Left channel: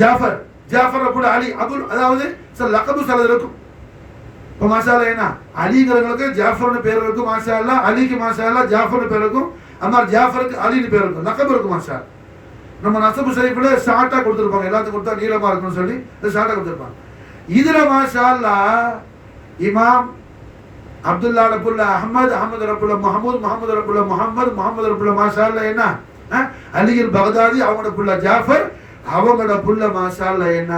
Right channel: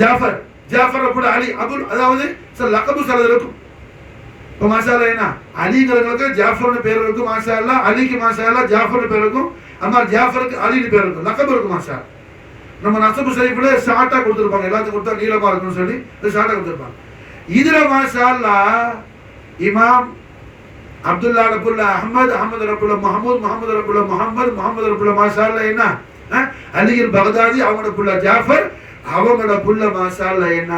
ஜாஃபர், ஜாஃபர் அபுல் அலி, அபுல் அதாவது சில லக்கபு சிலது இருக்கும். இப்போ மாஷா அல்லாஹ் என்ன அலிங்கிறவங்களுக்கு ஜாஃபர்னு பேர் இருக்கும் மாஷா அல்லாஹ், அலிக்கு மாஷா அல்லாஹ் ஜாஃபர்னு பேர் இருக்கும், அம்மா ஜாஃபருக்கு அலின்னு பேர் இருக்கும், லக்கபு இருக்கும் மாஷா அல்லாஹ். நம்ம நசபு ஷரீஃப்ல ஷார்ட்டா கொடுத்துருப்பாங்க, எல்லாத்துக்கும் கொடுத்தா நீளமா இருக்கும்னு சொல்லி ஷார்ட்டா கொடுத்துருப்பாங்க. இதுல மாஷா அல்லாஹ் இமாம் அப்துல்லா ரபுல்லா அஹமது, அஹமது ரபுல்லா முஹம்மது, முஹம்மது ரபுல்லா முஹம்மது, முஹம்மது ரபுல்லா மாஷா அல்லாஹ் என்ன அலில் பகதாதி, அவங்களோட புள்ள ஜாஃபர், அவங்களோட புள்ள மாஷா அல்லாஹ் என்ன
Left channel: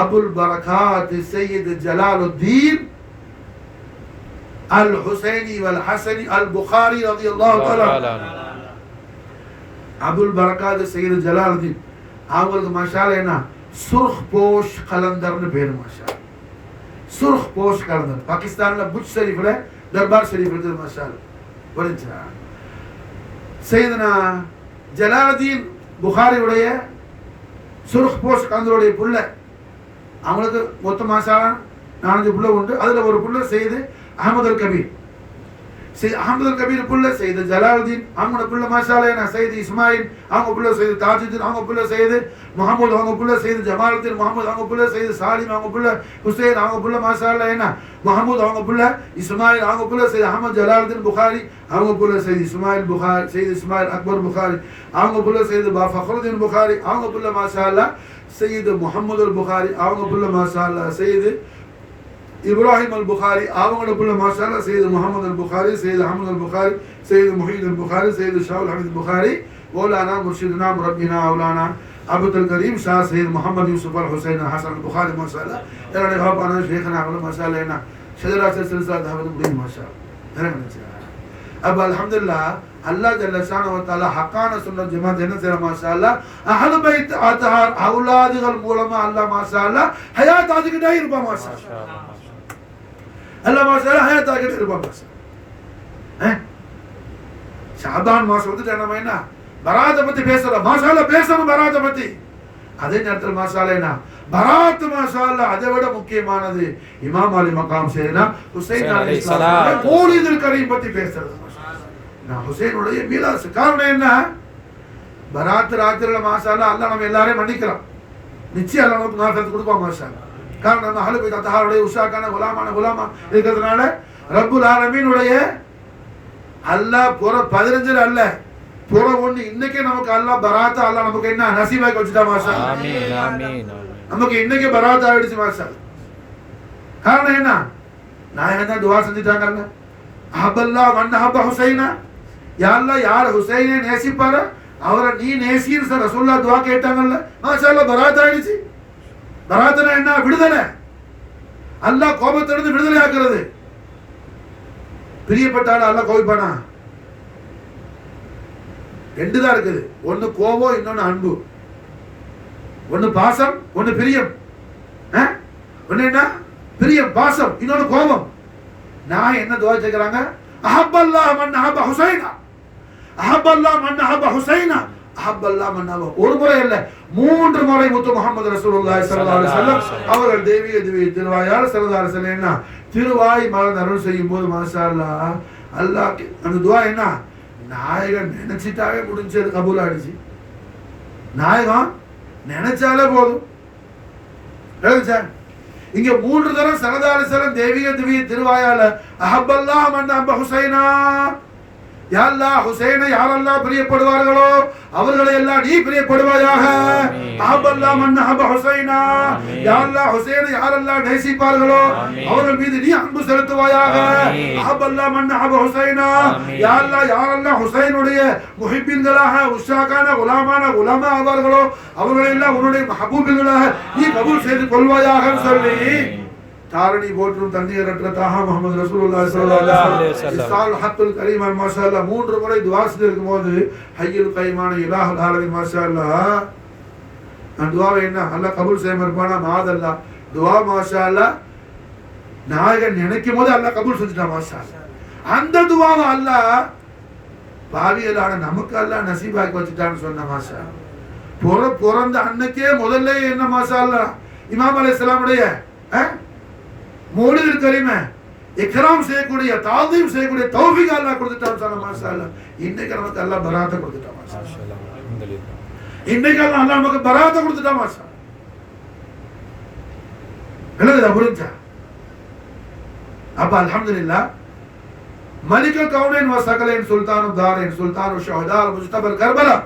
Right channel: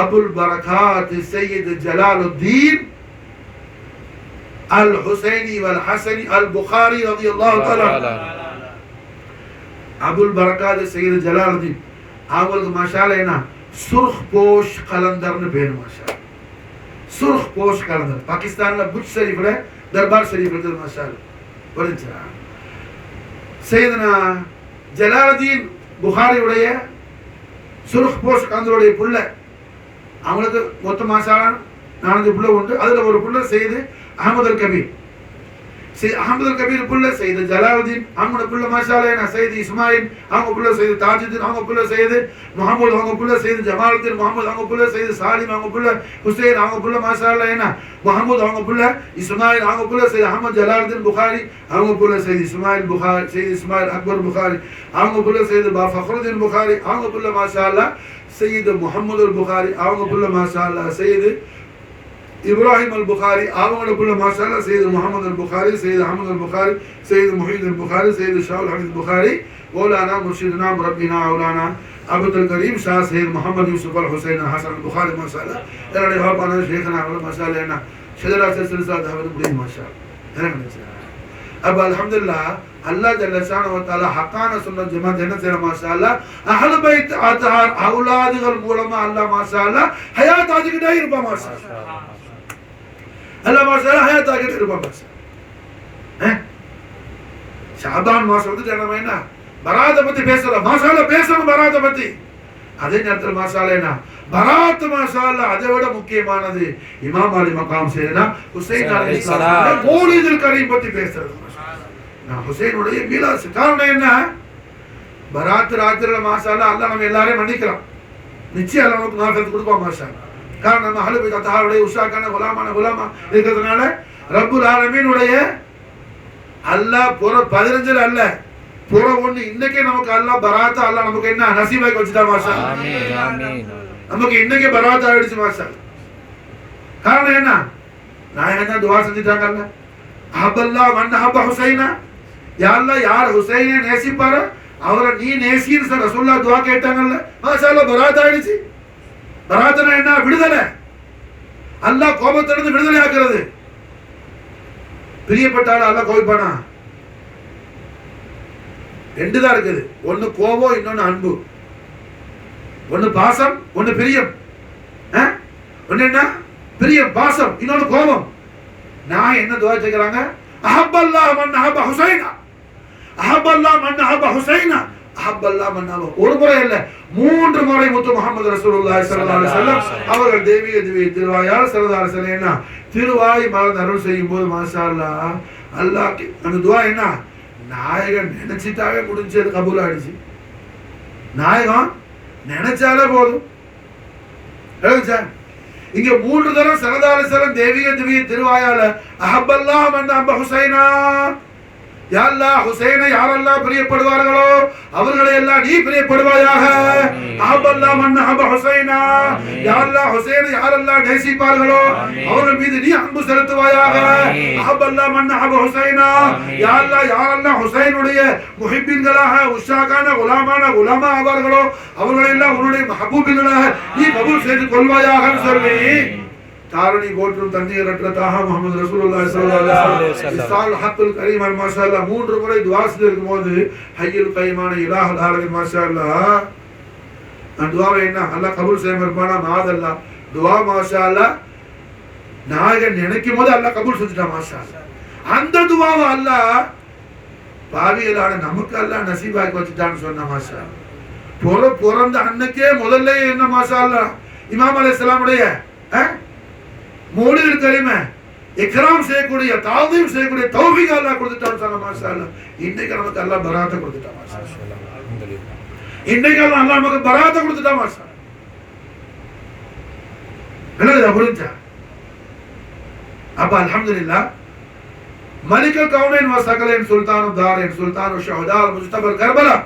அபுல் பரகாத் சையத் ஜலாலுத்தீன் அல் ஹுசைனி வல் ஹசனி அல் புகாரி ரலியல்லாஹு தஆலா. அபுல் பரகாத் சையத் ஜலாலுத்தீன் அவங்களுக்கு மாஷா அல்லாஹ் என்ன சுர்ஹ் போஷ் கலந்தர்னு பேர் மாஷா அல்லாஹ். சுர்ஹ் போஷ் கலந்தர் பாகிஸ்தான்ல புஜ் ஷரீஃப்ல தர்பார் ஷரீஃப் இருக்கு மாஷா அல்லாஹ். புரிஞ்சுதா? சையதுனா ஜலாலுத்தீன் புகாரியுடைய சுர்ஹ் போஷ் கலந்தருடைய புள்ள, அவங்களுக்கு மொத்த மாஷா அல்லாஹ் 4 புள்ள உண்டு. அதுல ஒரு புள்ள சையது அஹமது அல் கபீர், அஹமது அல் கபீர் புள்ள சையது ஜலாலுத்தீன், அவங்களோட புள்ள மாஷா அல்லாஹ் என்ன சையது இஸ்மாயில், அவங்க புள்ள சையது தாஜுதீன், அவங்க புள்ள சையது முகமது, அவங்க புள்ள சையது ஜமாலுத்தீன் முகமது, அவங்க புள்ள சையது சாலிம், அவங்க புள்ள ஹுசைன், அவங்க புள்ள மாஷா அல்லாஹ் என்ன முகமது, அவங்க புள்ள இஸ்மாயில், அவங்க புள்ள சையது அஹமது ஜலாலுத்தீன் புகாரி, அவங்க புள்ள சையது இஸ்மாயில் புகாரி, சையது இஸ்மாயில் அக்பர் புகாரி, அவங்க புள்ள சையது ஃபக்ருதீன் புகாரி, அவங்க புள்ள மாஷா அல்லாஹ் சையது முகமது அல் புகாரி, அவங்க புள்ள மாஷா அல்லாஹ் சையது இப்ராஹிம் அல் புகாரி, அவங்களோட புள்ள மாஷா அல்லாஹ் சையது முகமது அல் புகாரி, சையது அஹமது அல் புகாரி, சையது முஹீத் அல் புகாரி, சையது ஷாவுல் ஹமீத் புகாரி, மௌலானா முர்ஷிதுனா முரப்பினா மௌலானா அப்துல் கரீம் ஷா சையது முகமது யூசுப் அல் ஹுசைன் ஹசன் அல் புகாரி மாஷா அல்லாஹ். என்னுடைய ஹாபானா ஷேഖனா அவங்கள மாஷா அல்லாஹ் என்ன ஷஜரா சில்சிலா தாவத் முடியும் மாஷா அல்லாஹ். அப்ப அல்ஹம்துலில்லாஹ் அல்லாஹ் ஜல்ல ஷானஹு வ தஆலா ஹக்கான சுன்னத் ஜமாத் என்ன செய்யற மாஷா அல்லாஹ் அஹ்லு பைத் அத்ஹார் அவுலாதுகள் மூலமா அல்லாஹ் மாஷா அல்லாஹ் ஹயாத் ஆகிட்டே இருப்பா மாஷா அல்லாஹ். அல்லாஹ் மாஷா அல்லாஹ் ஹயாத் ஆகிட்டே இருப்பா மாஷா அல்லாஹ். ஷாபான் மாசம் வந்து நம்ம என்ன பராத பத்தி பேசலாம் மாஷா அல்லாஹ் பேசணும் பராத பத்தி. அதே நேரத்தில் மாஷா அல்லாஹ் என்ன பராத் மாஷா அல்லாஹ் அதை விட முக்கியமானது இமாம் அலி மகாம் செய்யனா ஹுசைன் அலைஹிஸ்ஸலாம் மௌலிதுல் கரீம் பத்தி பேசுறது மாஷா அல்லாஹ். நான் ஹுசைனுடைய மீலாது காரணம் என்ன பராத் ராத்திரில மாஷா அல்லாஹ் அல்லாஹ் நம்ம எல்லாரையும் மன்னிக்கலாம், நிச்சயம் அல்லாஹ் நமக்கு மாஃபியத் கொடுப்பான் மாஷா அல்லாஹ். காரணம் நம்ம அஹ்லு பைத் அத்ஹாருடைய உஷாக்கான குலாமா இருக்கிறதுனால ரப்புல் ஆலமீனுடைய அல்லாஹ் புற 15 அல்ல புற 1 இன்னைக்கு நமக்கு அல்லாஹ் பராத் அல்லாஹ் நமக்கு என்ன நசீபாக்கி வச்சுட்டா மாஷா அல்லாஹ். ஆமீன் ஆமீன். நமக்கு இன்னைக்கு பராத் ஆயிடுச்சு மாஷா அல்லாஹ். காரணம் என்ன நாயகம் தான் துஆ செஞ்சிட்டாங்கல்ல அஹபல்லாஹ் மன் அஹப ஹுசைனா, யா அல்லாஹ் யார் ஹுசைனை நேசிப்பாரோ அவரை நீ நேசின்னு ரசூலுல்லாஹ் துஆ கேட்டாங்கல்ல மாஷா அல்லாஹ் பராத் ஆயிடுச்சு. பராத்னா என்ன விடுதலை, அல்லாஹ் கோபத்திலிருந்து விடுதலை ஆக்குறது. பிரியப்பட்டாலும் அல்லாஹ் கோபிப்பானா? 2 தான் இருக்குது, ஒன்னு கோபம் இன்னொன்னு அன்பு, ஒன்னு பாசம் ஒன்னு பிரியம். ஒன்னு என்ன பிரியம் பாசம் இன்னொன்னு கோபம். நான் என்ன துஆ கேக்குறாங்க அஹபல்லாஹ் மன் அஹப ஹுசைனா, அஹபல்லாஹ் மன் அஹப ஹுசைனா, அஹபல்லாஹ் மன் அஹப. ஒரு முறை இல்ல 3 முறை முத்து முஹம்மது ரசூலுல்லாஹி ஸல்லல்லாஹு அலைஹி வஸல்லம் அவர்கள் தேவிய திருவாயால் ஸல்லல்லாஹு அலைஹி வஸல்லம் என்ன திருவாய் மலர்ந்து அருள் செய்யும் போது மாஷா அல்லாஹ் அல்லாஹ் அந்த துஆ என்ன நாயகன் நினைச்சிட்டாவே முடிஞ்சது கபூல் ஆயிடுச்சு. நாயகம் நினைச்சாலே போதும். இங்க 3 தரம் ஸல்லல்லாஹு அலைஹி வஸல்லம் தேவிய திருவாயால அஹபல்லாஹ் மன் அஹப ஹுசைனா, யா அல்லாஹ் ஹுசைனை யாரெல்லாம் பிரியப்படுவார்களோ அவர்களை எல்லாம் நீ பிரியப்படுவாயாக. அஹபல்லாஹ் மன் அஹப ஹுசைனா, யா அல்லாஹ் ஹுசைனை யாரெல்லாம் நேசிப்பார்களோ அவர்கள் மீது நீ அன்பு செலுத்துவாயாக. அஹபல்லாஹ் மன் அஹப ஹுசைனா, யா அல்லாஹ் யாரெல்லாம் ஹுசைனுடைய முஹிப்பீன்களாக உஷாக்கான குலாமா ஆவார்களோ அவர்களை எல்லாம் உன்னுடைய மஹபூபிகளாக நீ கபூல் செய்து கொள்வாயாக சொல்லி தாரணி போற்றும் தண்ணீரற்றதாக முஹம்மது ரசூலுல்லாஹி ஸல்லல்லாஹு அலைஹி வஸல்லம் இஸ்தால் ஹக்குல் கரீம் அல் மாஷா அல்லாஹ் 3 முறை துஆ செய்யும்போது ஹய்யுல் கய்மான இலாஹுல் ஆலமீன் மாஷா அல்லாஹ் அந்த துஆவை என்ன அல்லாஹ் கபூல் செய்யமானா மாதல்லா துஆ மாஷா அல்லாஹ் நாயகன் நினைக்கும் போது அல்லாஹ் கபூல் செஞ்சுட்டா மாஷா அல்லாஹ். அந்த துஆவை அல்லாஹ் பாவியலான நமக்கு அல்லாஹ் நசீபாக்கி வச்சிட்டான்னு சொன்ன மாஷா அல்லாஹ். பிறந்த அன்னைக்கே முதல்ல என்ன மாஷா அல்லாஹ் இமாம் அலைஹிஸ்ஸலாமுடைய மௌலிதுல் கரீமை இக்ராம் செய்யக்கூடிய தாதீம் செய்யக்கூடிய தௌஃபீக் அல்லாஹ் கொடுத்துட்டான் சொன்ன மாஷா அல்லாஹ். இன்னைக்கு நமக்கு அல்லாஹ் பராத்தை கொடுத்துட்டான் மாஷா அல்லாஹ். இன்னைக்கு அல்லாஹ் நமக்கு பராத்தை கொடுத்துட்டான் மாஷா அல்லாஹ். விளங்குதா? புரிஞ்சா? அப்ப அல்ஹம்துலில்லாஹ் மலிகுல் கௌனைன் வ ஸகலைன் சுல்தானு தாரைன் சுல்தானு ஷுஹதா முஜ்தபல் கர்பலா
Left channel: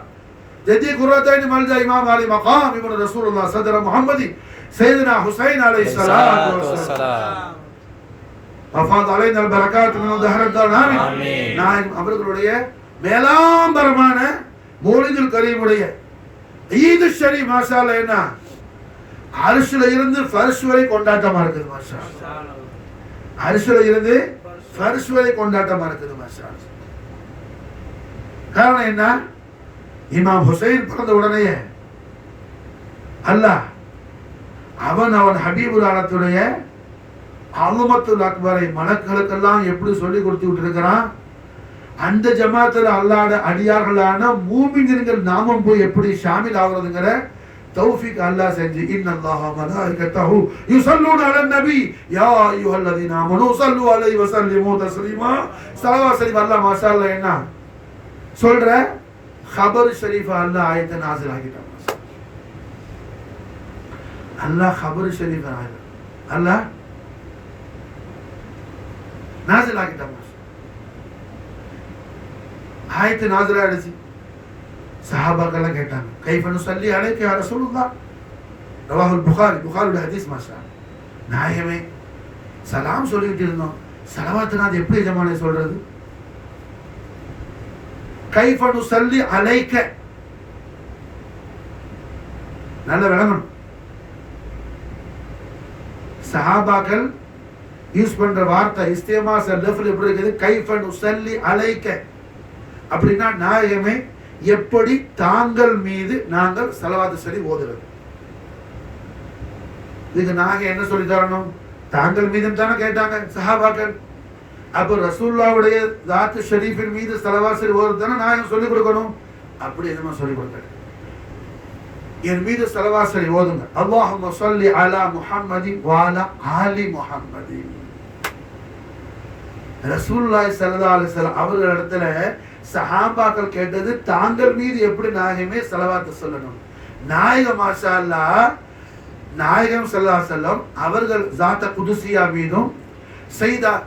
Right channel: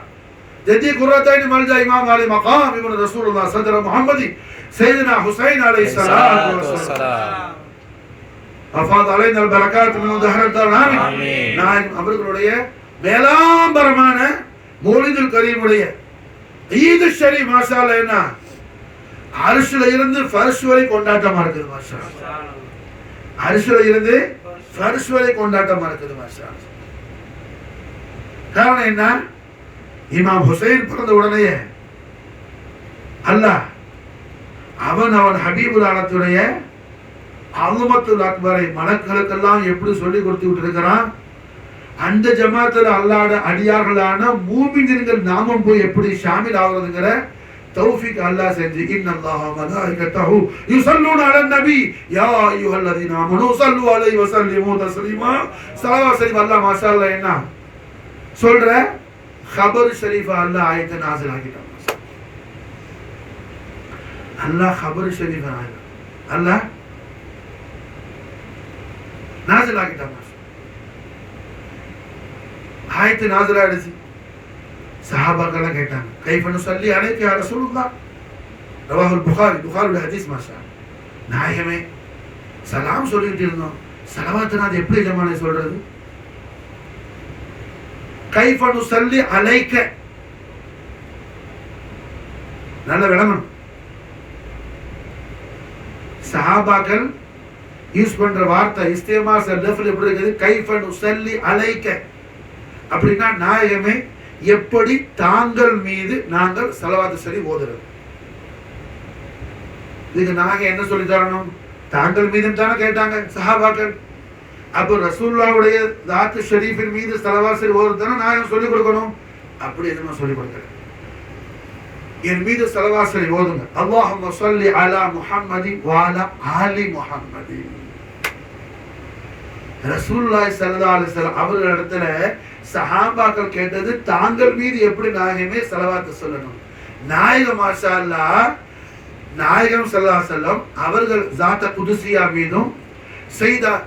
ஜதி குர்ரத்தைன் மல்ஜா இமாம் அலி மகாம் இப்னு ரசூலுல்லாஹ் சதர முஹம்மதி சையதுனா ஹுசைன் அலைஹிஸ்ஸலாத்து வஸ்ஸலாம் அஃபாத் அலைனா அல் பரகாத் மின் தஹரத் ஆமீன். நான் அவர்களுடைய மேலாம்பரமான மௌலிதுல் கரீமுடைய ஈத் ஷரீஃப் மாஷா அல்லாஹ் என்ன அர்ஷ்ல இருந்து ஃபர்ஷ் வரை கொண்டாட்டமா இருக்குது மாஷா அல்லாஹ். அர்ஷ்ல இருந்து ஃபர்ஷ் வரை கொண்டாட்டமா இருக்குது மாஷா அல்லாஹ். காரணம் என்ன? இமாம் ஹுசைன் பிறந்த உடனே அல்லாஹ் அவன் ஹபீபுல் ஆலத்துடைய அலுமத்துல் அக்பரை மலக்குகளுக்கெல்லாம் எப்படி சொல்லி கொடுத்துட்டு இருக்கிறான். அந்த ஜமாத்துல அல்லாஹ்ட அடியார்களான மூமின்கள் நாமும் போய் எப்படி ஷாமில் ஆகுறதுங்கிற தௌஃபீக் அல்லாஹ் செஞ்சு இன்னல்லாஹ மலாயிகத்தஹு யுஸல்லூன அலன் நபி யா அய்யுஹல்லதீன ஆமனூ ஸல்லு அலைஹி வஸல்லிமு தஸ்லீமா. ஸலவாத் ஷரீஃப் அல்லாஹ் மாஷா அல்லாஹ் என்ன சொல்ற خبر ஷரீஃப் அல்லாஹ் ஆயத்தை நாஸில் ஆக்கிட்டான். அல்லாஹ் خبر ஷரீஃப் அல்லாஹ் நாஸில் ஆக்கிட்டான். ஆயத்து நாஸில் ஆயிடுச்சு. சஹாபாக்கள் கேட்டாங்க கைஃப நுஸல்லி அலைக யா ரசூலுல்லாஹ். ரவாஹுல் புகாரி, புகாரியோட ஹதீஸ் மாஷா. நாயகமே சலாம் சொல்லிட்டு இருந்தோம், ஸலவாத்னா அது எப்படி ஜமானே சொல்றது? கைஃப நுஸல்லி அலைக, நல்ல விளங்கணும். சஹாபாக்கள் யூஸ் பண்ற வார்த்தை இஸ்திமாஸ் லஃப்ல் எப்படி இருக்குது? கைஃப நுஸல்லி அலைக அப்படின்னா நாயகமே எப்படி தாங்கள் மீது நாங்கள் ஸலவாத் ஷரீஃப் ஓதுறது. இதுக்கு நாங்க என்ன சொல்லி தரணும்? தாங்கள் மீது தானே கேட்டாங்க சஹாபாக்கள். அப்ப ரசூலுல்லாஹ்வுடைய ذات ஷரீஃபின் மீது ஸலவாத் ஷரீஃப் ஓதுறது தானே நாயகம் சொல்லி கொடுக்கணும். அப்படி எதுவும் சொல்லி கொடுக்கல. என் மீது ஸலவாத் ஷரீஃப் ஓதுங்க. அல்லாஹும்ம ஸல்லி அலா முஹம்மதி வ அலா ஆலி முஹம்மதி. ரசூலுல்லாஹி ஸல்லல்லாஹு அலைஹி வஸல்லம் அவர்களிடத்துல சஹாபாக்கள் கேட்டது தாங்கள் மீது எப்படி நாயகமே ஸலவாத் சொல்லணும். நாயகம் மாஷா அல்லாஹ் நாயகம் ஸல்லல்லாஹு அலைஹி வஸல்லம் அவர்கள் ذات குதுசியா மீதும்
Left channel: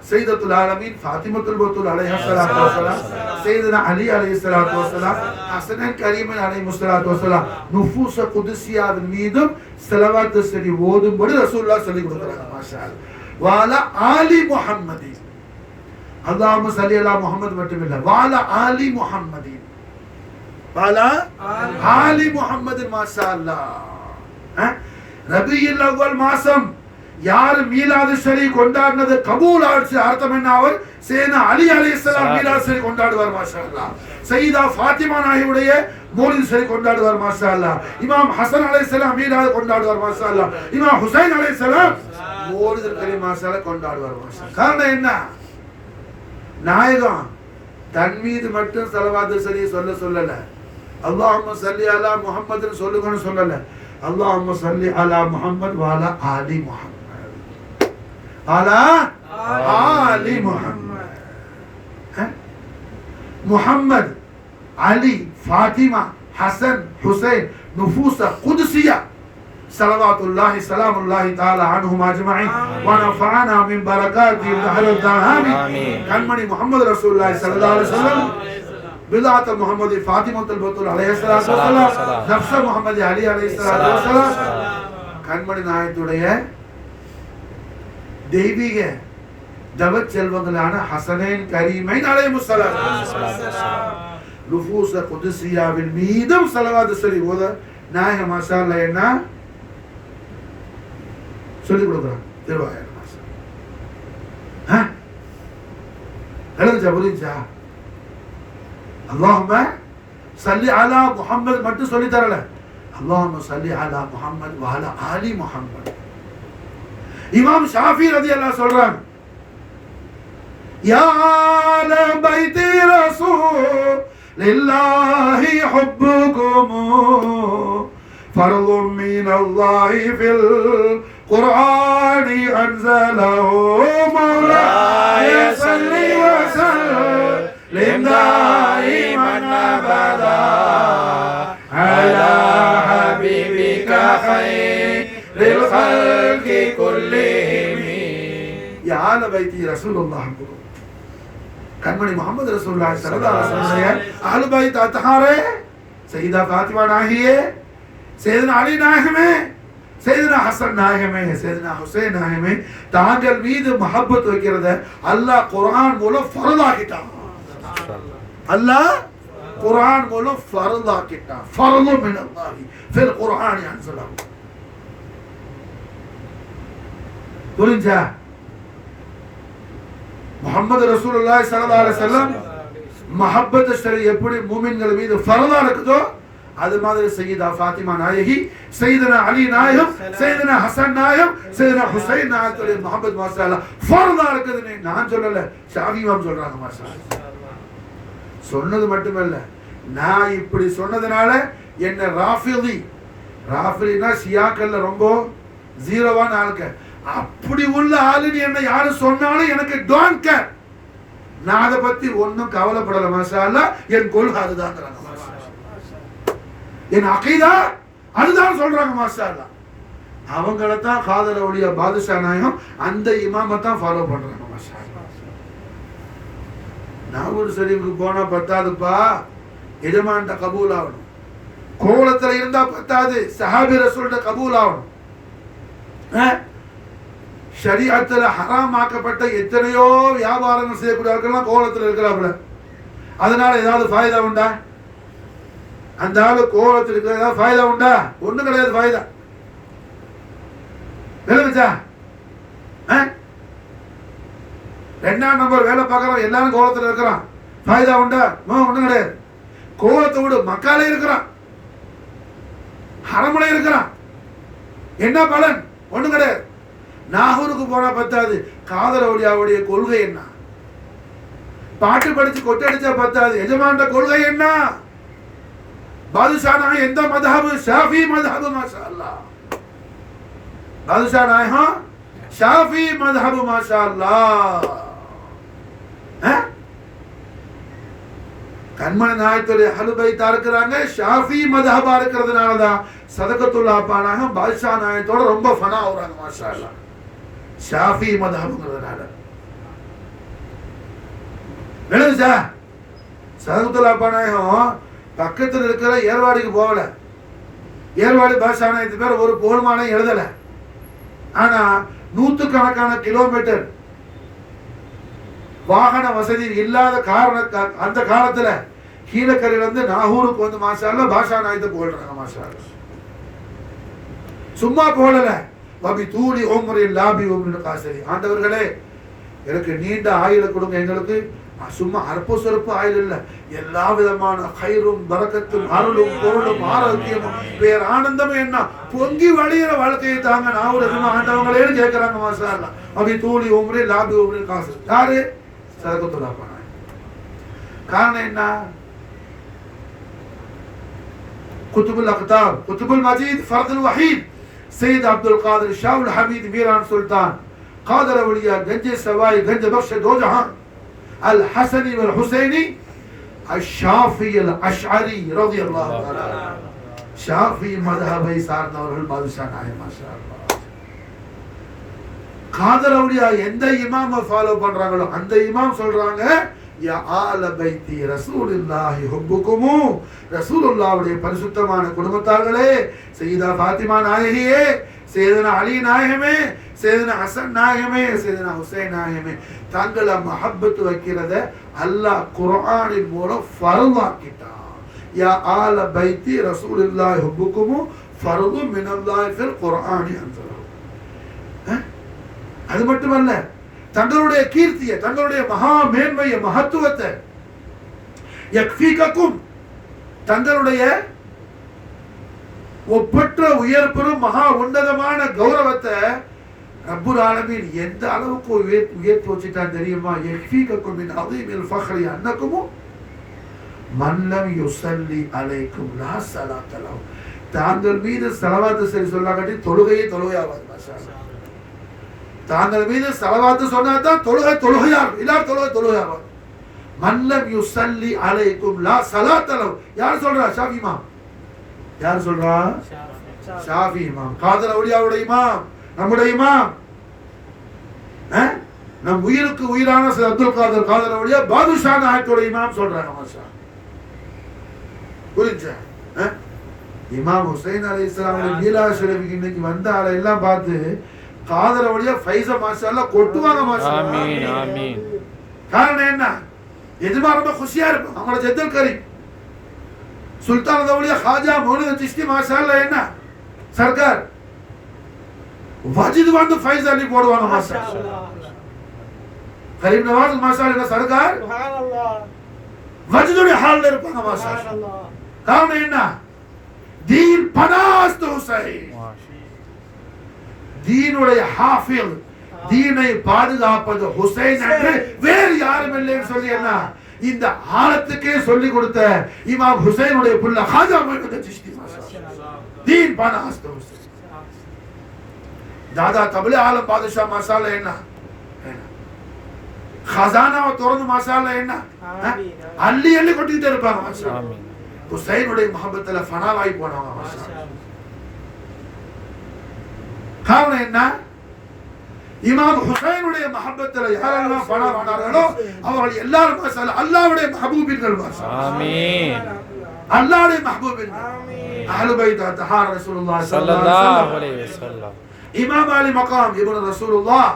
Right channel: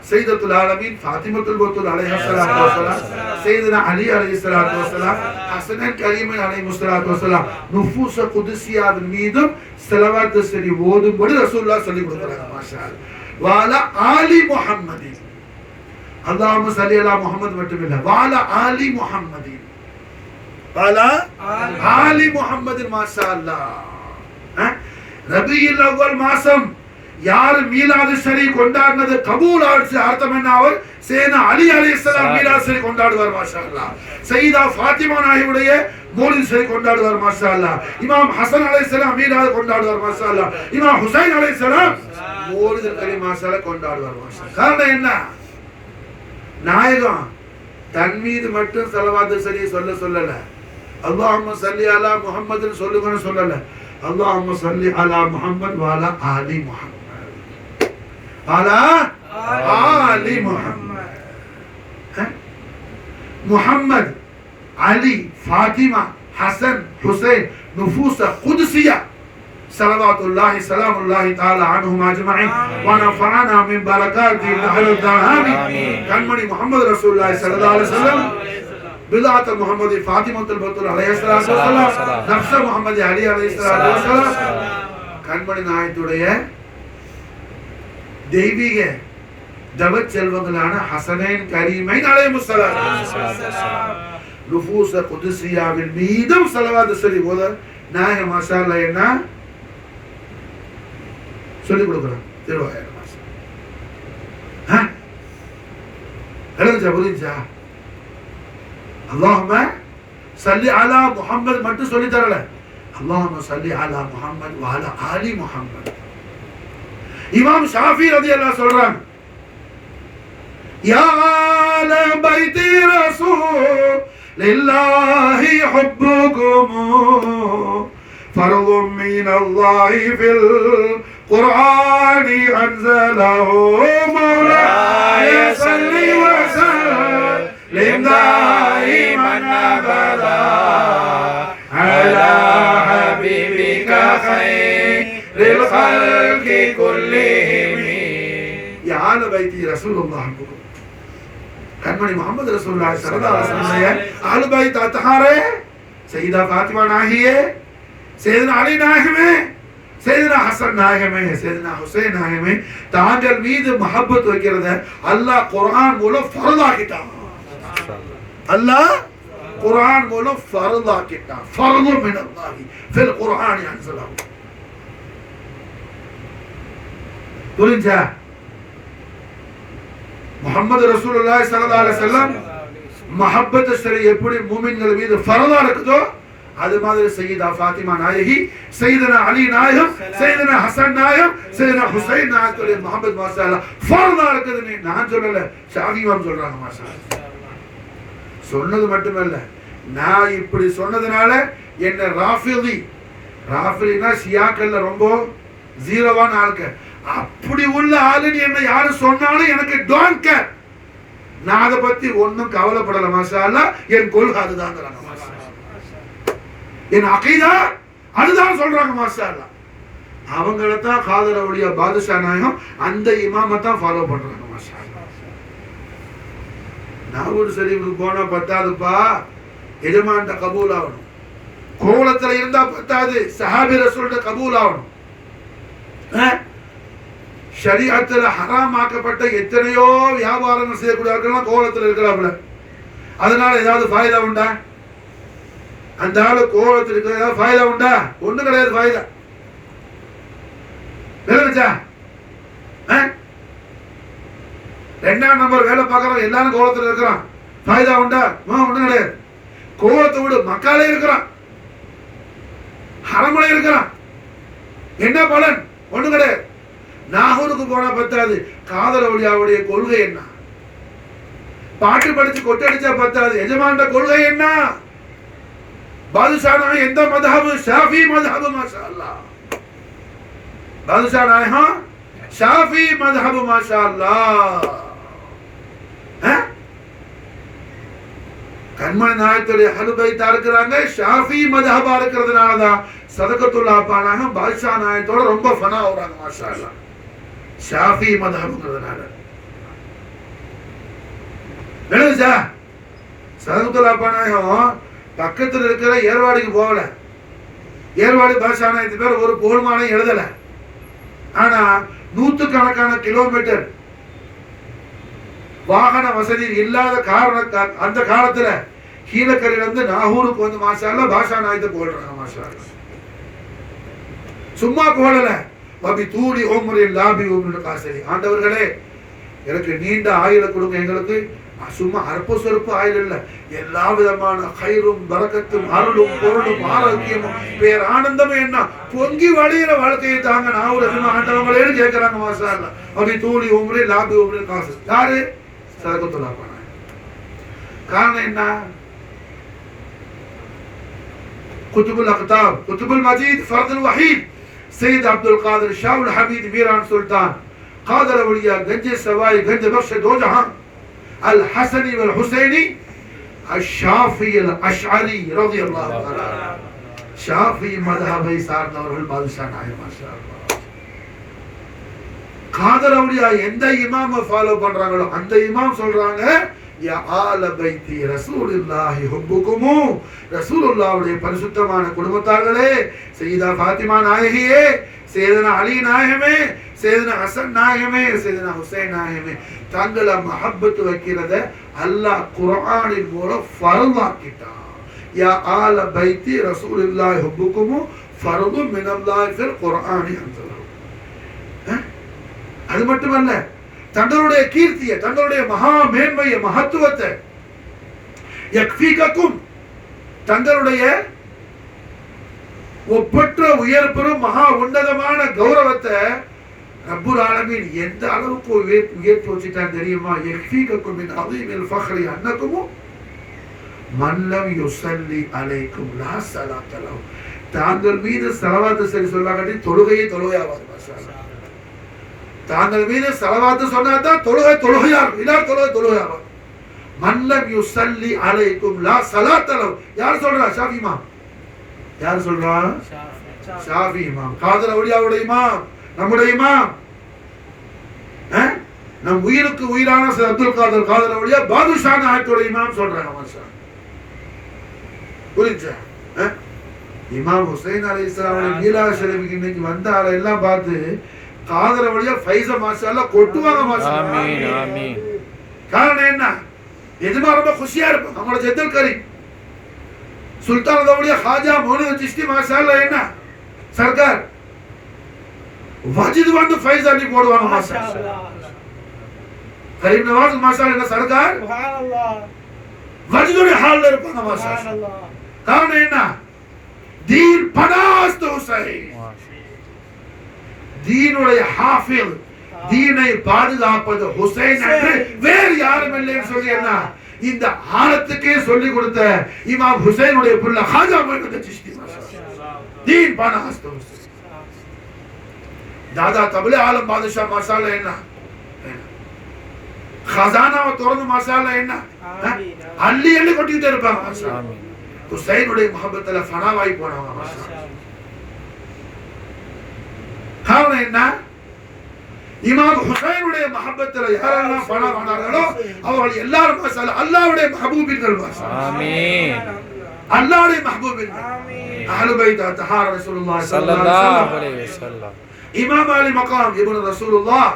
சையதத்துல் ஆலமீன் ஃபாத்திமத்துல் பத்தூல் அலைஹிஸ்ஸலாத்து வஸலாம் சையதுனா அலி அலைஹிஸ்ஸலாத்து வஸலாம் ஹஸனன் கரீமன் அலைஹிஸ்ஸலாத்து வஸலாம் நுஃபூஸ் குதுசியாவின் மீதும் ஸலவாத் ஷரீஃப் ஓதும்படி ரசூலுல்லாஹ் சொல்லி கொடுக்கறாங்க மாஷா அல்லாஹ். வாலா ஆலி முஹம்மதி, அல்லாஹும்ம ஸல்லி அலா முஹம்மத் மட்டுமில்ல வாலா ஆலி முஹம்மதி, வாலா ஆலி முஹம்மது மாஷா அல்லாஹ். ரபியுல் அவ்வல் மாசம் யார் மீலாது ஷரீஃப் கொண்டாடினது கபூல் ஆச்சு. அர்த்தம் என்ன? அவர் சேனா அலி அலைஹிஸ்ஸலாம் மீலாது ஷரீஃப் கொண்டாடுவார் மாஷா அல்லாஹ். சையதா ஃபாத்திமா நாயியுடைய மௌலித் ஷரீஃப் கொண்டாடுவார் மாஷா அல்லாஹ். இமாம் ஹசன் அலைஹிஸ்ஸலாம் மீலாது கொண்டாடுவார் மாஷா அல்லாஹ். இமாம் ஹுசைன் அலைஹிஸ்ஸலாம் மௌலித் கரீம் மாஷா அல்லாஹ் கொண்டாடுவார் மாஷா. காரணம் என்ன? நாயகம் தன் மீது மட்டும் ஸலவாத் ஷரீஃப் சொல்லல. அல்லாஹும்ம ஸல்லி அலா முஹம்மதுன்னு சொல்லுங்கன்னு சொல்லல. அல்லாஹும்ம ஸல்லி அலா முஹம்மத் வ அலா ஆலி முஹம்மத், அலா ஆலி முஹம்மத். முஹம்மத், அலி, ஃபாத்திமா, ஹசன், ஹுசைன் நுஃபூஸ் குத்ஸியா ஸலவாத்துல்லாஹி ஸலாமுல்லாஹி தஆலா அன்ஹும் அஜ்மஈன் வ நஃபஅனா மின் பரகாத்தி தஹரத் ஆமீன். கண்மணி முஹம்மது ரசூலுல்லாஹி ஸல்லல்லாஹு அலைஹி வஸல்லம் பிலாத் முஹம்மதி ஃபாத்திமத்துல் பத்தூல் அலைஹிஸ்ஸலாத்து வஸலாம் நஃப்ஸ முஹம்மதி அலி அலைஹிஸ்ஸலாத்து வஸலாம் கண்மணி நாயகத்துடைய தெய்வீக தவச் செல்வங்களான ஹசனேன் கரீமைன் அலைஹிஸ்ஸலாத்து வஸலாம் நுஃபூஸ் குத்ஸியாவின் மீதும் ஸலவாத் ஷரீஃப் ஓத நாயகம் மாஷா அல்லாஹ் என்ன சொல்லி கொடுக்குறாங்க. திருவாயா எழுதுச்சா? புரிஞ்சா? அல்லாஹும்ம ஸல்லி அலா முஹம்மத் மட்டும் சொல்லி தரல. அல்லாஹும்ம ஸல்லி அலா முஹம்மத் வ அலா ஆலி முஹம்மத். இமாம் ஷாஃபி ரலியல்லாஹு சொல்றாங்க, யா ஆல பைத்தி ரசூல் லில்லாஹி ஹுப்புகும் ஃபர்தும் மினல்லாஹி ஃபில் குர்ஆனி அன்ஸலஹு மௌலாய ஸல்லி வ ஸல்லிம் தாயிமன் அபதா அலா ஹபீபிக கைர் للخلق كلهم يا آل بيت رسول الله கண்மணி முகமது ரசூலுல்லாஹி ஸல்லல்லாஹு அலைஹி வஸல்லம் ஆல் பைத் அத்ஹாரே சையதா ஃபாத்திமா நாஹியே சையதுனா அலி நாயகமே சையதுனா ஹசன் நாயகமே சையதுனா ஹுசைன் நாயகமே தாங்கள் மீது மஹப்பத் வைக்கிறத அல்லாஹ் குர்ஆன் மூலம் ஃபர்தாக்கிட்டான். அல்லாஹ் குர்ஆன் மூலம் ஃபர்தாக்கிட்டான். ஃபர்து மின் அல்லாஹி ஃபில் குர்ஆன் யன்ஸலஹு. புரிஞ்சா? முஹம்மது ரசூலுல்லாஹி ஸல்லல்லாஹு அலைஹி வஸல்லம் மஹப்பத் ஷரி எப்படி மூமின்கள் மீது ஃபர்தா இருக்குதோ அது மாதிரி சையதா ஃபாத்திமா நாயகி, சையதுனா அலி நாயகம், சையதுனா ஹசன் நாயகம், சையதுனா ஹுசைன் நாயகத்துடைய மஹப்பத் மாஷாஅல்லாஹ் ஃபர்தா இருக்குதுன்னு நான் சொல்லல, ஷாஃபி இமாம் சொல்றாங்க. மாஷாஅல்லாஹ் சொன்னது மட்டுமல்ல, நான் இப்படி சொன்னதனால என்ன ராஃபிலினா ஷியாக்கள்ல ரொம்ப ஜீரோவான ஆளுக்க அப்படி உள்ள ஆளுன்னு என்ன யாரு சொன்னாலும் எனக்கு டோன்ட் கேர். நான் அதை பத்தி ஒன்னும் கவலைப்படல. மாஷாஅல்லாஹ் என் கொள்கை அதுதான், என் அகீதா அதுதான் சொல்றாங்க. மாஷாஅல்லாஹ் அவங்களத்தான் காதர் அவுலியா பாதுஷா நாயகம் அந்த இமாமத்தான் ஃபாலோ பண்றாங்க. மாஷாஅல்லாஹ் நாவூர் ஷரீஃபுக்கு போனா பத்தாதுப்பா, எஜமான்ட கபூல் ஆகணும். கோலத்துல இருந்தா பத்தாது, சஹாபி ரசூல்ட கபூல் ஆகணும். ஷரீஅத்துல ஹராம் ஆக்கப்பட்ட எத்தனையோ வியாபாரங்கள் செய்யக்கூடியவர்கள் கோலத்தில் இருக்கிறார்கள். அதனால ஏதாவது ஃபாயிதா உண்டா? அந்த ஆளு கோலத்தில் இருக்கிறதா ஃபாயிதா உண்டா? ஒண்ணும் கிடையாது ஃபாயிதா. விளங்குச்சா? ரெண்டாம் நம்பர் வேலை பார்க்கறோம், எல்லாரும் கோலத்தில் இருக்கிறான், ஃபாயிதா உண்டா? ஒண்ணும் கிடையாது. கோலத்தை விட மக்காலே இருக்கிறான், ஹரமலே இருக்கிறான், என்ன பலன்? ஒண்ணும் கிடையாது. நாகூருக்கு போனா பத்தாது, காதர் அவுலியாவுடைய கொள்கை என்ன? பாட்டு படிச்சு கொட்டடிச்சா பத்தாது, எஜமான்ட கொள்கை என்ன? பாதுஷா நாயகம் எந்த மذஹப்? ஷாஃபி மذஹப். மாஷாஅல்லாஹ் பாதுஷா நாயகம் ஷாஃபி மذஹப். மாஷாஅல்லாஹ் கண்மணி நாயகத்துடைய அஹ்லு பைத்தா இருக்கிறாங்க, ஷாஃபி மذஹபா இருக்கிறதுனாலதான் சதகத்துல்லாஹ் பானாக பாதுஷா நாயகத்தோட ரொம்ப ஃபனா ஆகுறாங்க. மாஷாஅல்லாஹ் ஷாஃபி மذஹப்ங்கிறதுனால. விளங்குச்சா? சதகத்துல்லாஹ் பானாகம் பக்கத்தில் இருக்கிற ஏர்வாடிக்கு போகல, ஏர்வாடி பாதுஷா நாயகத்து பேர் ஒரு புகழ்மானம் எழுதல. ஆனா நூற்றுக்கணக்கான கிலோமீட்டர் வாகன வசதி இல்லாத காரணம் அந்த காலத்துல கீழக்கரையில இருந்து நாகூருக்கு வந்து மாஷாஅல்லாஹ் பாதுஷா நாயகத்தை புகழ்றாங்க. மாஷாஅல்லாஹ் சும்மா புகழல, வபி தூளி உம்ரில் லாபி உம்ரில் காசரி. ஆண்டவர்களே எனக்கு நீண்ட ஆயுளை கொடுங்க, எங்களுக்கு சும்மா அற்ப சொற்ப ஆயுள் இல்ல, எல்லா விதமான கைரும் பரக்கத்தும் அருளும் பொருளும் ஆரோக்கியமும் பேர் ஆனந்தமும் என்ன பொங்கி வழியிற வாழ்க்கையை தாங்க நான் ஒரு ஆண்டவங்களேன்னு கேட்கிறாங்க. மாஷாஅல்லாஹ் வபி தூளி உம்ரில் லாபி உம்ரில் காசரி. யாரு? சதகத்துல்லாஹ் பானாக. காரணம் என்ன? குத்துபுல் அக்தாப், குத்துபுல் மஜீத், ஃபர்துல் வஹீத், سيد عبد القادر شاه الحميد ميران سلطان قادر اولياء گنج سوائی گنج بخش دو جہاں الحسنی والحسینی الشافعی الاشعری رضی اللہ تعالی شافعی مذہب سردار البادشاہ நாயகம். மாஷாஅல்லாஹ் காதர் அவுலியா எந்த இமாம ஃபாலோ பண்றாங்களோ அந்த இமாம் சொல்றாங்க, யா ஆல பைத்தி ரசூலுல்லாஹி ஹுப்புகுமு, ரசூலுல்லாஹ்வுடைய பரிசுத்தமான குடும்பத்தார்களே, சையதா ஃபாத்திமா நாயகியே, சையதுனா அலி நாயகமே, சையதுனா ஹசன் நாயகமே, சையதுனா ஹுசைன் நாயகமே, தங்கள மஹப்பத் வைக்கிறத அல்லாஹ் குர்ஆனின் மூலம் ஃபர்தாக்கிட்டான். யா ஆல பைத்தி ரசூலுல்லாஹி ஹுப்புகுமு ஃபர்து மினல்லாஹி ஃபில் குர்ஆனி அன்ஸலஹு. அது மட்டுமல்ல, தங்களுடைய கீர்த்தியை, தங்களுடைய மகா மேன்மையை, மகத்துவத்தை, யக்ஃபீகக்கும் தங்களுடைய ஒப்பற்ற உயர் பெறும் மகா உன்னதமான கௌரவத்தை ரப்புல் ஆலமீன் எந்த அளவுக்கு உயர்த்தி வச்சுட்டான் தெரியுமா? யக்ஃபீகக்கும் மின் அதீமில் ஃபக்ரி அன்னக்கும் மன் லம் யுஸல்லி அலைக்கும் லா ஸலாத்த லஹு. தாங்கள் மீது ஸலவாத் சரி சொல்லாங்கட்டி தொழுகையாவாது. மாஷாஅல்லாஹ் தாங்கள் மீது ஸலவாத் சொன்னாதான் தொழுகையாகும், இல்ல தொழுகையாகும். மன் லம் யுஸல்லி அலைக்கும் லா ஸலாத்த லஹு. யார் சொல்றா? ஷாஃபி இமாம். யார் சொல்றா? ஷாஃபி இமாம். காதர் அவுலியாவுடைய இமாம், நம்முடைய இமாம். நம் உயிருக்கு உயிரான அப்துல் காதர் காதர் அவுலியா பாதுஷா நாயக்கோட இமாம் சொல்றாங்க. மாஷா புரிஞ்சா? இமாம் ஹுசைன் அலைஹிஸ்ஸலாமுடைய மீலாது ஷரீஃபுக்கு இன்னைக்கு வந்த ஆளை எல்லாம் பார்த்து காதர் அவுலியா ஃபைஸ மாஷாஅல்லாஹ் கொட்டுவாங்க. மாஷா ஆமீன் ஆமீன். காரணம் என்ன? எதுமா ரொம்ப குஷியா இருப்போம். நம்மளோட ஜெத்தல் கரீம் சுல்தான் அவுலியா ஹாஜா மௌலூத் சிஷ்தி மாஷாஅல்லாஹ் என்ன சர்க்கார் வஜித் வந்து ஃபைஸ் அலி போடுவாங்க. மாஷாஅல்லாஹ் கரீம் நவாஸ் மாஷாஅல்லாஹ் சர்க்கார் சுப்ஹானல்லாஹ் வஜிதுடைய ஹால்ல இருப்பாங்க. மாஷாஅல்லாஹ் காரணம் என்ன? தீன் பனாஸ்த் ஹுசைன், தீனுடைய ஹாஃபில், தீனை பாதுகாப்பது ஹுசைன் என்று வேறு யாரும் இல்லைன்னு சொல்லி என்ன இந்த ஆலத்துக்கே சொல்லி கொடுத்த இமாம் ஹுசைனுடைய புள்ள ஹாஜா மௌலூத் சிஷ்தி மாஷாஅல்லாஹ் தீன் பனாஸ்த் ஹுசைன். தாதா தபலே ஆலம் பாதுஷா மாஷாஅல்லாஹ் என்ன खजानाவை திறந்து மாஷாஅல்லாஹ் என்ன அள்ளி அள்ளி கொட்டிட்டே இருப்பாங்க. மாஷாஅல்லாஹ் ஆமீன். ஹுசைனுடைய முஹப்பத்துல ஃபனாவாய் போனவங்க. மாஷாஅல்லாஹ் காரணம் என்ன? இமாம் ஹுசைனுடைய முஹப்பத்துல யாரெல்லாம் ஃபனாவானார்களோ அவர்கள் எல்லாரும் மாஷாஅல்லாஹ் அல்லாஹ்வுடைய மஹபூபின்கள். மாஷாஅல்லாஹ் ஆமீன். அல்லாஹ்வுடைய மஹபூபின்கள். ஆமீன். அஹ்லு பைத் தஹார ரசூலுல்லாஹி ஸல்லல்லாஹு அலைஹி வஸல்லம். இமாம் அலி மகாம் இப்னு ரசூலுல்லாஹ்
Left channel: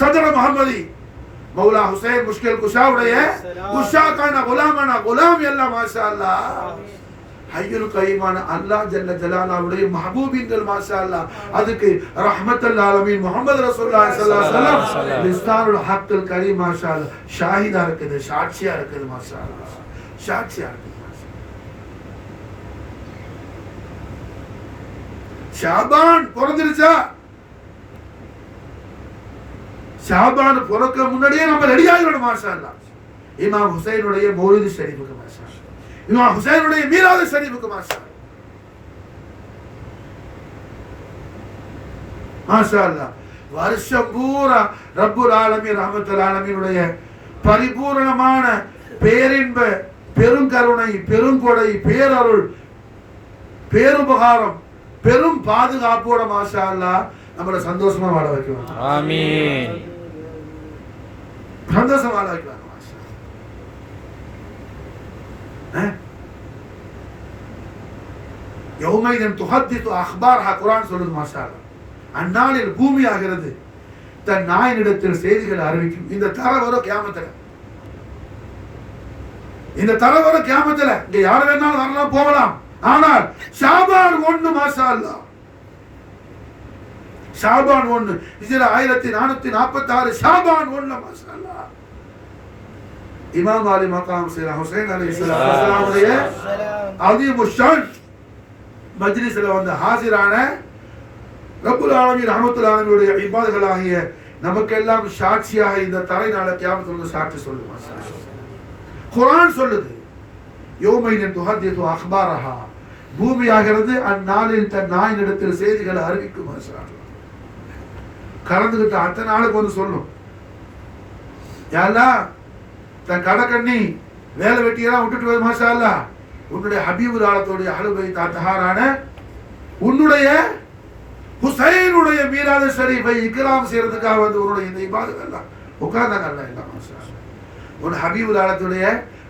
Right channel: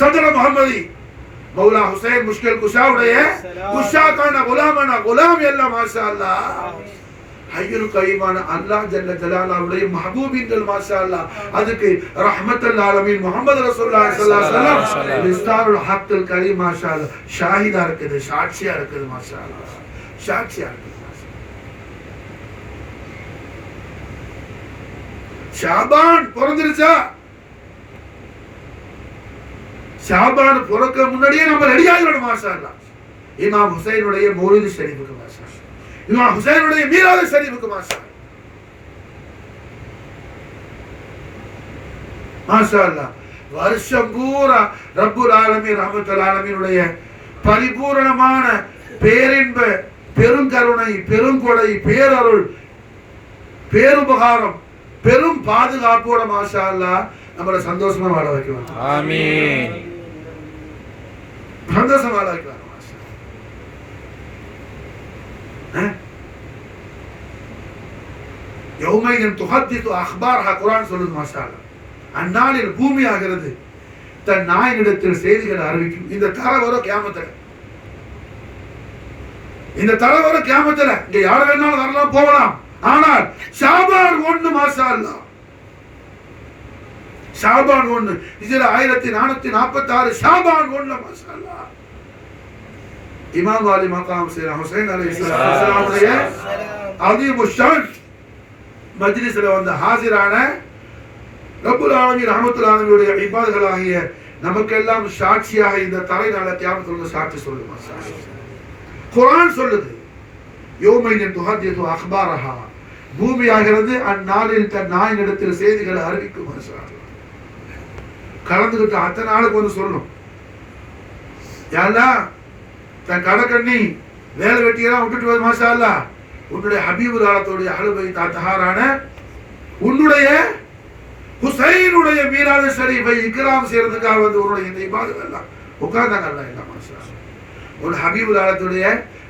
सदर मोहम्मदी मौला हुसैन मुश्किल कुशा उड़े कुशा का ना गुलाम अल्लाह माशाअल्लाह हय्युल कय्यूमान अल्लाह जल्ल जलाला उड़े महबूबिंगल माशाअल्लाह அதுக்கு ரஹ்மத்துல் ஆலமீன் முஹம்மது ரசூலுல்லாஹி ஸல்லல்லாஹு அலைஹி வஸல்லம் மிஸ்தாருல் ஹக்குல் கரீம் மாஷாஅल्लाह ஷாஹிதா இருக்குது, சாட்சியா இருக்குது. மாஷாஅल्लाह சாட்சியா இருக்குது. ஷாபான் பிறந்துருச்சா? ஷாபான் பிறக்க முன்னாடியே நம்ம ரெடி ஆகிடணும். மாஷாஅல்லாஹ் இமாம் ஹுசைனுடைய மௌலிது ஷரீஃபுக்கு மாஷாஅல்லாஹ், இமாம் ஹுசைனுடைய மீலாது ஷரீஃபுக்கு மாஷாஅல்லாஹ் மாஷாஅல்லாஹ் வருஷம் பூரா ரப்புல் ஆலமீன் ரஹ்மத்துல் ஆலமீனுடைய பரிபூரணமான பேரின்ப பெருங்கருணை பெருங்கொடை பேரருள் பேருபகாரம் பெரும் பாதுகாப்போட மாஷாஅல்லாஹ் நம்மள சந்தோஷமா வாழ வைக்குவாங்க. ஆமீன். சந்தோஷமா வாழ வைக்குவாங்க. யௌமைன் துஹத்திது அக்பார்ஹா குர்ஆன் சொல்லுது. மாஷாஅல்லாஹ் அந்நாளில் பூமி ஆகிறது தன் நாயனிடத்தில் செய்திகளை அறிவிக்கும். இந்த தர வர கியாமத்துல, இந்த தர வர கியாமத்துல இங்க யார் வேணாலும் வரலாம் போகலாம். ஆனால் ஷாபான் 1 மாஷாஅல்லாஹ் ஷாபான் 1 ஹிஜ்ரா 1446 ஷாபான் 1 மாஷாஅல்லாஹ் இமாம் அலி மகாம் சையத் ஹுசைன் அலைஹிஸ்ஸலாமுடைய அதீம் ஷான் மஜ்லிஸ்ல வந்து ஹாஜரான ரப்புல் ஆலமீன் ரஹ்மத்துல் ஆலமீனுடைய இபாதர்களாகிய நமக்கெல்லாம் சாட்சியாக இந்த தரைநாள கியாமத்துல சாட்சி சொல்லுது. மாஷாஅல்லாஹ் குர்ஆன் சொல்லுது யௌமைன் துஹத்திது அக்பாரஹா பூமி ஆகிறது அந்நாளில் தன் நாயனிடத்தில் செய்திகளை அறிவிக்கும். மாஷாஅல்லாஹ் கலந்துகிட்ட அத்தனை நாளுக்கு வந்து சொல்லணும். யாரெல்லாம் தன் கடக்கண்ணி வேலை வெட்டியெல்லாம் விட்டுட்டு போய் மாஷாஅல்லாஹ் உன்னுடைய ஹபீபுல் ஆலத்துடைய அஹ்லு பைத் தஹாரான உன்னுடைய ஹுசைனுடைய மீலாது ஷரீஃபை இக்ராம் செய்யறதுக்காக வந்து உன்னுடைய இந்த இபாதத் எல்லாம் உட்கார்ந்தாங்க. அல்லாஹ் இல்ல மாஷாஅல்லாஹ் உன் ஹபீபுல் ஆலத்துடைய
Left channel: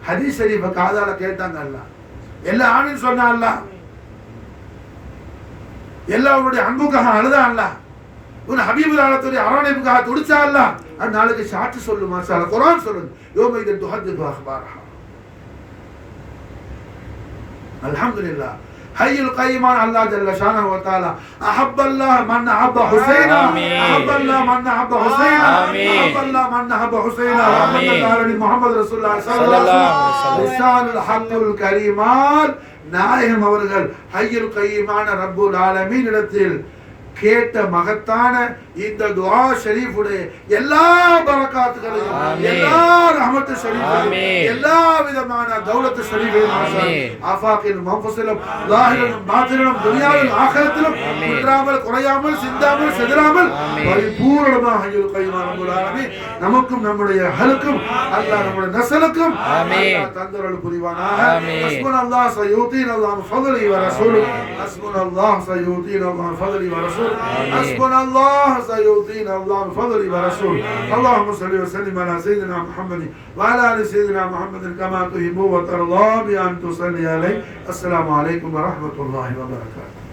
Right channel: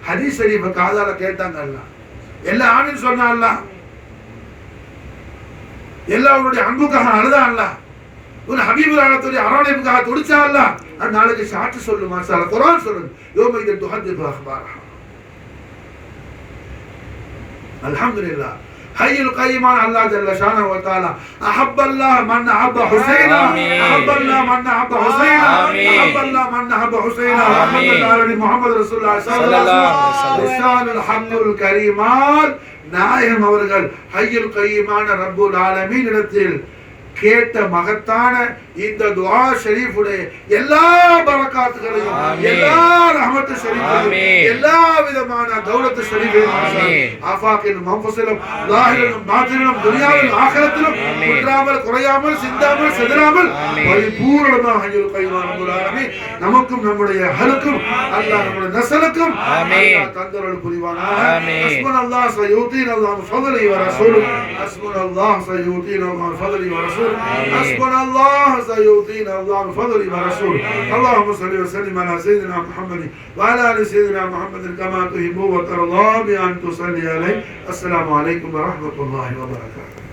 ஹதீஸ் ஷரீஃபை காதால கேட்டாங்க. அல்லாஹ் எல்லா ஆமீன் சொன்னா. அல்லாஹ் எல்லாருடைய அன்புக்காக அழுதா. அல்லாஹ் உன் ஹபீபுல் ஆலத்துடைய அரவணைப்புக்காக துடிச்சா. அல்லாஹ் அந்த நாளைக்கு சாட்சி சொல்லு. மாஷாஅல்லாஹ் குர்ஆன் சொல்லுது யௌமைன் துஹத்திது அக்பாரஹா. அல்ஹம்துலில்லாஹ் ஹய்யுல் கய்யூமான் அல்லாஹ் ஜல்ல ஷானஹு வ தஆலா அஹப்பல்லாஹ் மன் அஹப்ப ஹுசைனா அஹப்பல்லாஹ் மன் அஹப்ப ஹுசைனா அஹப்பல்லாஹ் மன் அஹப்ப ஹுசைனா முஹம்மது முஹம்மது ரசூலுல்லாஹி ஸல்லல்லாஹு அலைஹி வஸல்லம் லிசானுல் ஹக்குல் கரீமான் நாயகம் அவர்கள் ஹய்யுல் கய்யூமான ரப்புல் ஆலமீன் இடத்தில் கேட்ட மகத்தான இந்த துஆ ஷரீஃபுடைய எல்லா பரக்காத்துகளையும் எல்லா ரஹமத்து ஷரீஃபையும் எல்லா விதமான தௌலத்து ஷரீஃபையும் ஆஃபாக்கின் மஃபஸிலும் லாஹிரும் பாத்தினும் துனியாவில் ஆகிரத்திலும் குன்றாமல் குறையாமல் சிந்தாமல் செதறாமல் பரிபூரணமாக ஹய்யுல் கய்யூம் ரப்பல் ஆலமீன் நமக்கும் நம்முடைய அஹலுக்கும் அல்லாஹ் நம்முடைய நஸ்லுக்கும் அல்லாஹ் தந்தருள் புரிவானாக. ஹஸ்புனல்லாஹ் சயூதீன அல்லாஹ் ஃபضله ورسوله ஹஸ்புனல்லாஹ் சயூதீன அல்லாஹ் ஃபضله ورسوله حسبنا الله سيؤتينا الله من فضله ورسوله. اللهم صل وسلم على سيدنا محمد وعلى ال سيدنا محمد كما تحب وترضى بأن تصلي عليه. السلام عليكم ورحمة الله وبركاته.